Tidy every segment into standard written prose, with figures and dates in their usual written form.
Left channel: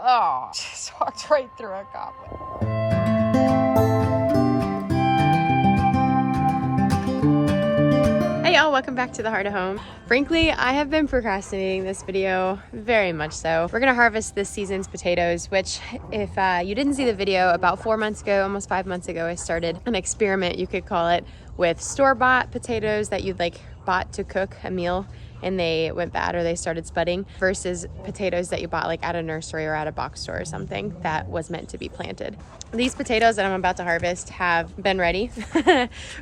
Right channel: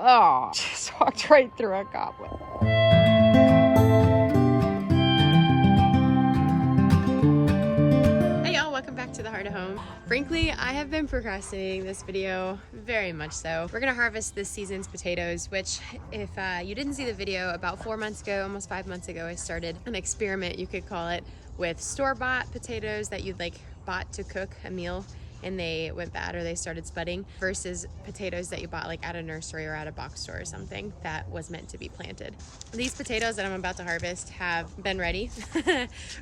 Oh, just walked right through a goblin. Hey y'all, welcome back to the Heart of Home. Frankly, I have been procrastinating this video very much so. We're gonna harvest this season's potatoes, which if you didn't see the video, about 4 months ago, almost 5 months ago, I started an experiment, you could call it, with store-bought potatoes that you'd like bought to cook a meal and they went bad or they started spudding, versus potatoes that you bought like at a nursery or at a box store or something that was meant to be planted. These potatoes that I'm about to harvest have been ready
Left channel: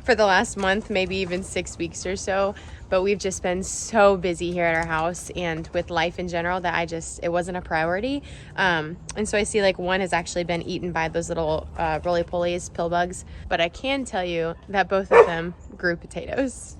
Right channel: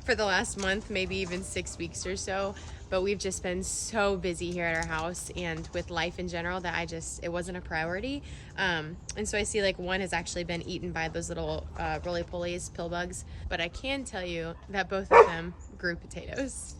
for the last month, maybe even 6 weeks or so, but we've just been so busy here at our house and with life in general that it wasn't a priority. And so I see like one has actually been eaten by those little roly-polies, pill bugs, but I can tell you that both of them grew potatoes.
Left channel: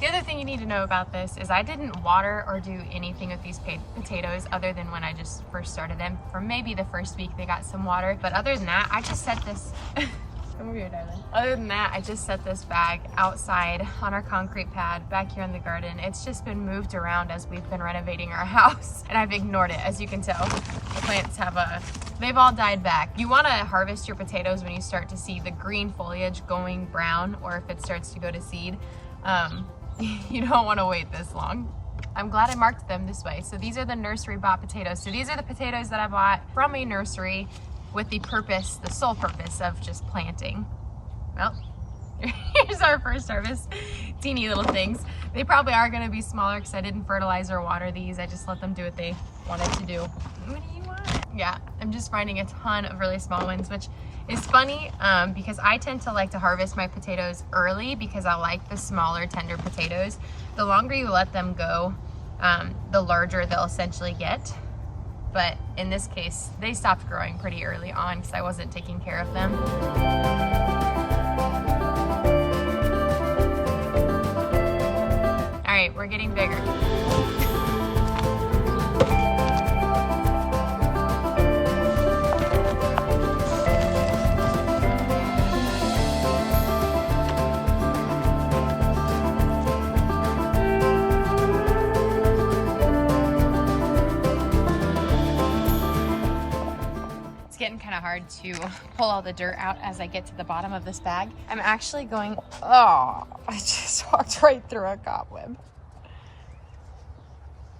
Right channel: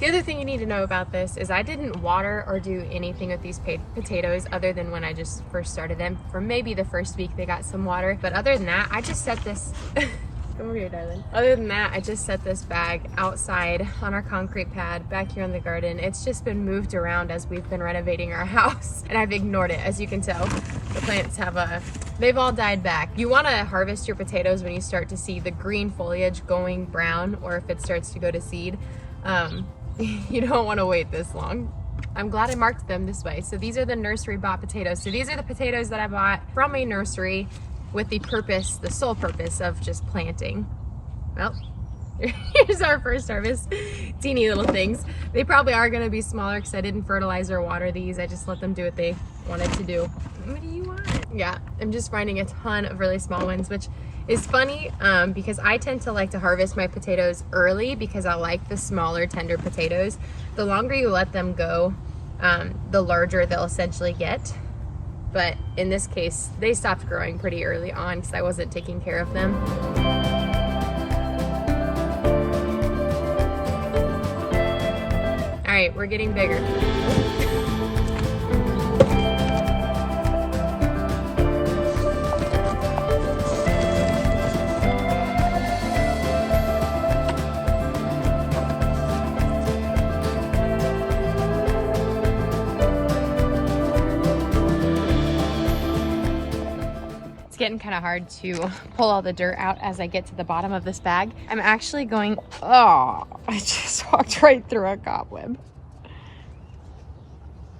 The other thing you need to know about this is I didn't water or do anything with these potatoes other than when I just first started them. For maybe the first week they got some water, but other than that, I just set this, come over here, darling. Other than that, I just set this bag outside on our concrete pad back here in the garden. It's just been moved around as we've been renovating our house, and I've ignored it. As you can tell, the plants they've all died back. You want to harvest your potatoes when you start to see the green foliage going brown, or if it starts to go to seed. You don't want to wait this long. I'm glad I marked them this way. So these are the nursery bought potatoes. So these are the potatoes that I bought from a nursery with the sole purpose of just planting. Well, here's our first harvest. Teeny little things. They probably are going to be smaller because I didn't fertilize or water these. I just let them do what they wanted to do. What do you want? Yeah, I'm just finding a ton of really small ones, which is funny because I tend to like to harvest my potatoes early because I like the smaller, tender potatoes. The longer you let them go, the larger they'll essentially get. But in this case, they stopped growing pretty early on because I wasn't taking care of them. All right, we're getting bigger. It's getting kind of hard to pull all the dirt out as I get to the bottom of this bag. I'm actually going, oh, I just walked right through a cobweb.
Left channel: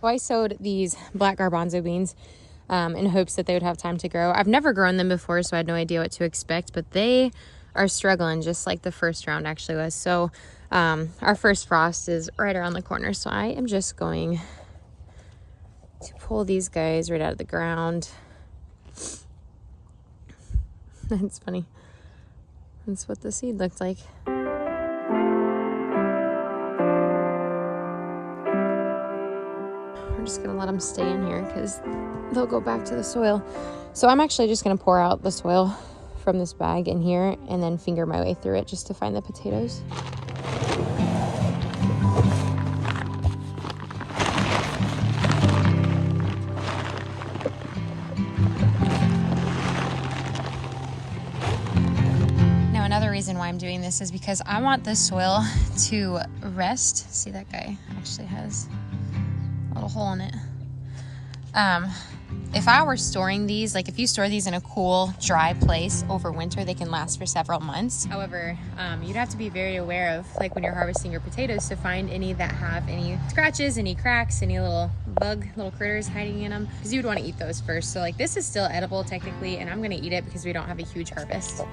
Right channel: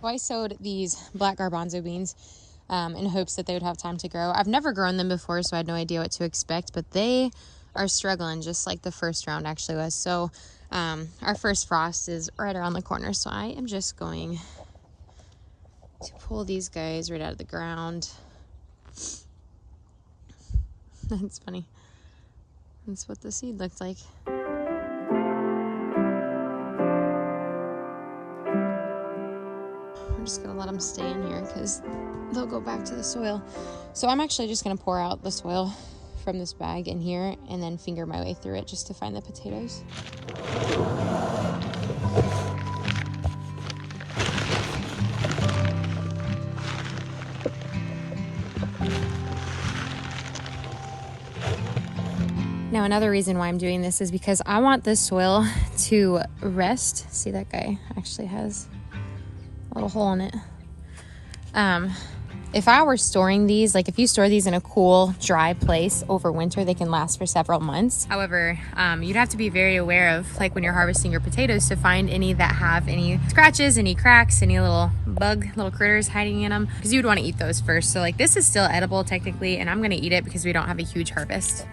So I sowed these black garbanzo beans in hopes that they would have time to grow. I've never grown them before, so I had no idea what to expect, but they are struggling just like the first round actually was. So our first frost is right around the corner, so I am just going to pull these guys right out of the ground. It's funny. That's what the seed looked like. I'm just gonna let them stay in here because they'll go back to the soil. So I'm actually just gonna pour out the soil from this bag in here and then finger my way through it just to find the potatoes. Now another reason why I'm doing this is because I want this soil to rest. See, that guy actually has a little hole in it. If I were storing these, like if you store these in a cool, dry place over winter, they can last for several months. However, you'd have to be very aware of, like when you're harvesting your potatoes, to find any that have any scratches, any cracks, any little critters hiding in them, because you'd want to eat those first. So like this is still edible technically, and I'm gonna eat it because we don't have a huge harvest.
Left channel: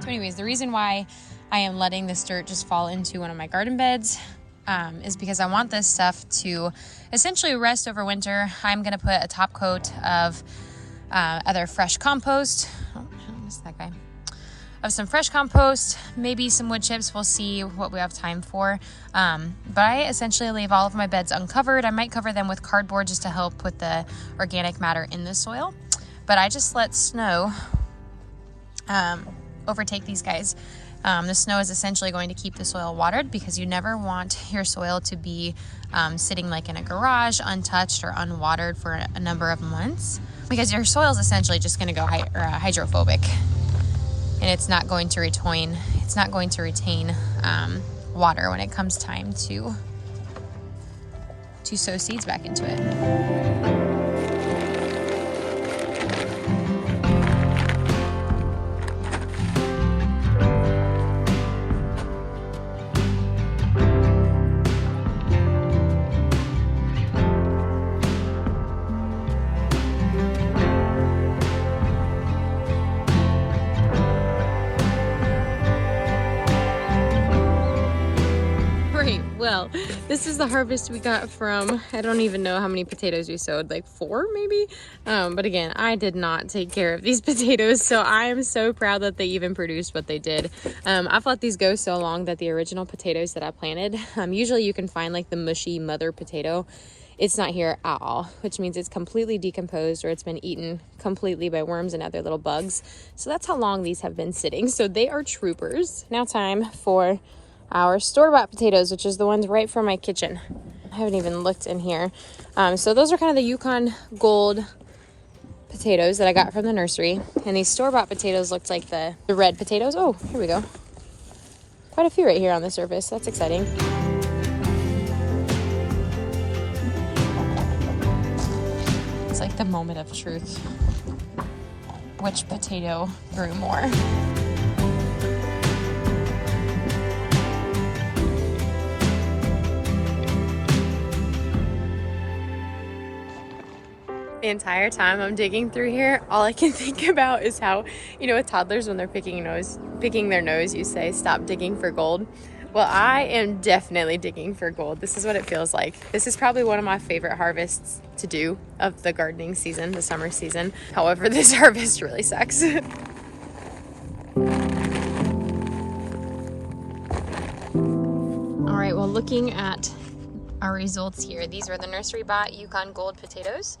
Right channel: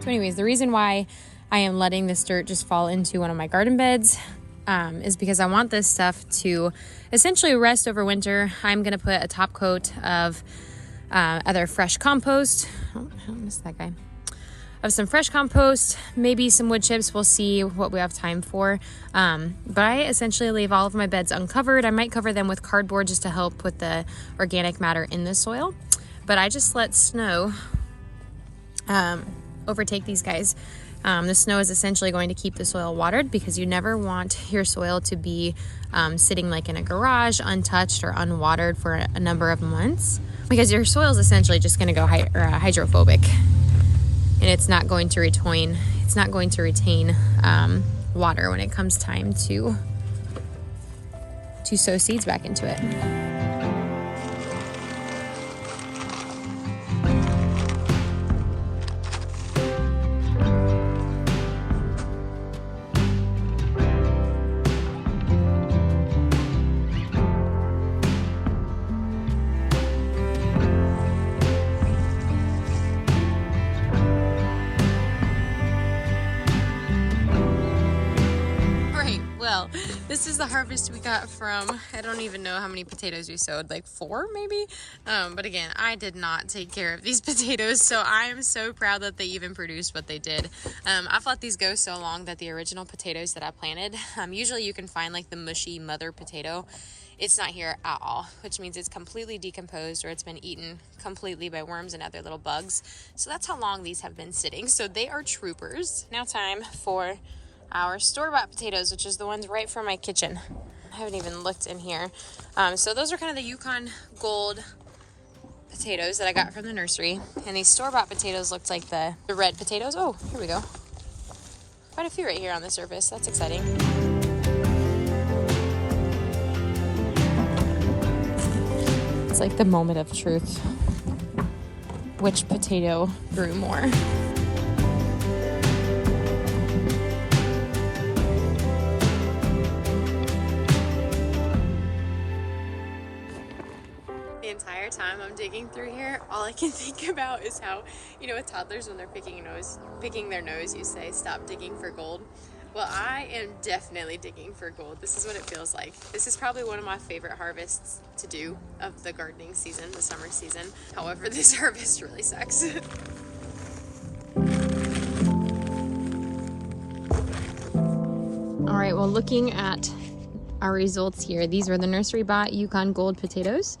So anyways, the reason why I am letting this dirt just fall into one of my garden beds is because I want this stuff to essentially rest over winter. I'm gonna put a top coat of either fresh compost, oh, I missed that guy, of some fresh compost, maybe some wood chips. We'll see what we have time for. But I essentially leave all of my beds uncovered. I might cover them with cardboard just to help with the organic matter in the soil. But I just let snow overtake these guys. The snow is essentially going to keep the soil watered because you never want your soil to be sitting like in a garage untouched or unwatered for a number of months, because your soil is essentially just going to go hydrophobic, and it's not going to retain water when it comes time to sow seeds back into it. well. This is the harvest we got from, I don't even know how many potatoes we sowed, like 4 maybe? But again, I did not take care of these potatoes, so I am so proud that they even produced what they did. I've let these go so long that the original potatoes that I planted, usually you can find like the mushy mother potato. It's not here at all, which means it's completely decomposed or it's been eaten completely by worms and other little bugs. So that's how long these have been sitting. So they are troopers. Now time for our store-bought potatoes, which is the ones right from my kitchen. I haven't even looked in here. So those are kind of the Yukon Gold potatoes that I got from the nursery. And these store-bought potatoes looked like the red potatoes. Oh, here we go. Quite a few right here on the surface. That's exciting. It's like the moment of truth. Which potato grew more? The entire time I'm digging through here, all I can think about is how, you know, with toddlers when they're picking their nose, you say, stop digging for gold. Well, I am definitely digging for gold. This is what it feels like. This is probably one of my favorite harvests to do of the gardening season, the summer season. However, this harvest really sucks. All right, well, looking at our results here, these are the nursery bought Yukon Gold potatoes.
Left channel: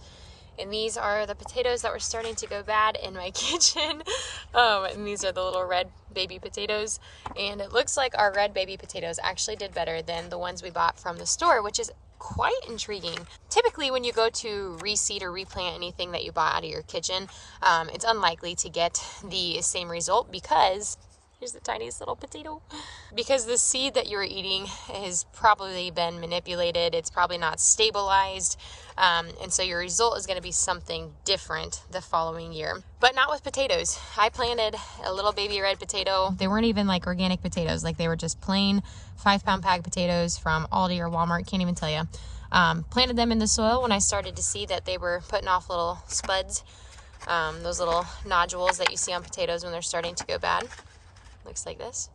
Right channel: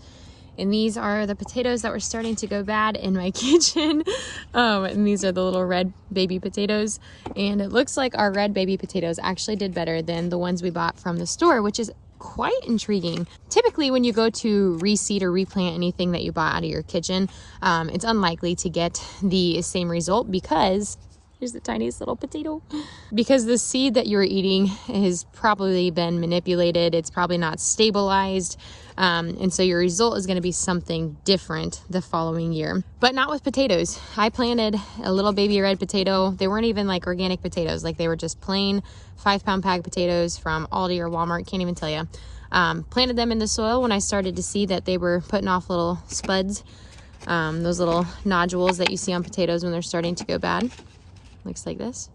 And these are the potatoes that were starting to go bad in my kitchen. And these are the little red baby potatoes. And it looks like our red baby potatoes actually did better than the ones we bought from the store, which is quite intriguing. Typically, when you go to reseed or replant anything that you bought out of your kitchen, it's unlikely to get the same result because here's the tiniest little potato. Because the seed that you're eating has probably been manipulated. It's probably not stabilized. And so your result is going to be something different the following year. But not with potatoes. I planted a little baby red potato. They weren't even like organic potatoes. Like they were just plain 5-pound bag potatoes from Aldi or Walmart. Can't even tell you. Planted them in the soil when I started to see that they were putting off little spuds. Those little nodules that you see on potatoes when they're starting to go bad. Looks like this.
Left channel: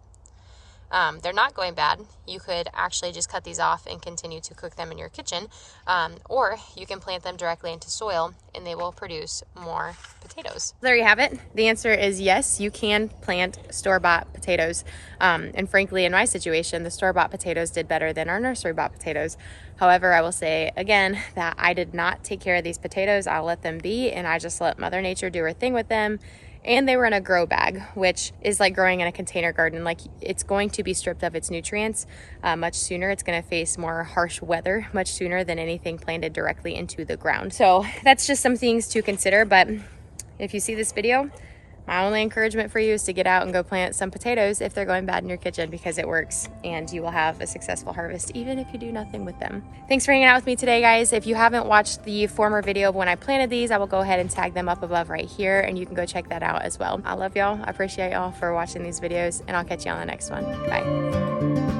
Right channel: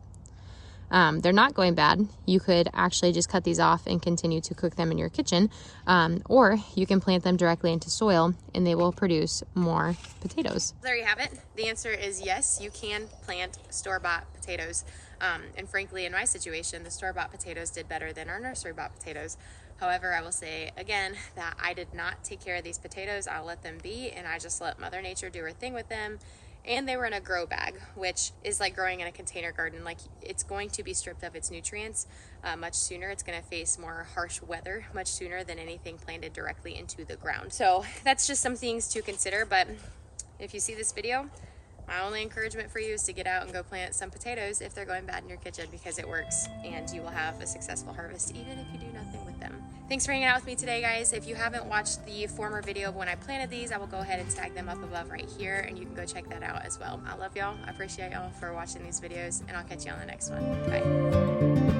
They're not going bad. You could actually just cut these off and continue to cook them in your kitchen, or you can plant them directly into soil and they will produce more potatoes. There you have it. The answer is yes, you can plant store-bought potatoes. And frankly, in my situation, the store-bought potatoes did better than our nursery-bought potatoes. However, I will say again that I did not take care of these potatoes. I let them be and I just let Mother Nature do her thing with them. And they were in a grow bag, which is like growing in a container garden. Like it's going to be stripped of its nutrients much sooner. It's going to face more harsh weather much sooner than anything planted directly into the ground. So that's just some things to consider. But if you see this video, my only encouragement for you is to get out and go plant some potatoes if they're going bad in your kitchen, because it works and you will have a successful harvest even if you do nothing with them. Thanks for hanging out with me today, guys. If you haven't watched the former video of when I planted these, I will go ahead and tag them up above right here and you can go check that out as well. I love y'all. I appreciate y'all for watching these videos and I'll catch you on the next one. Bye.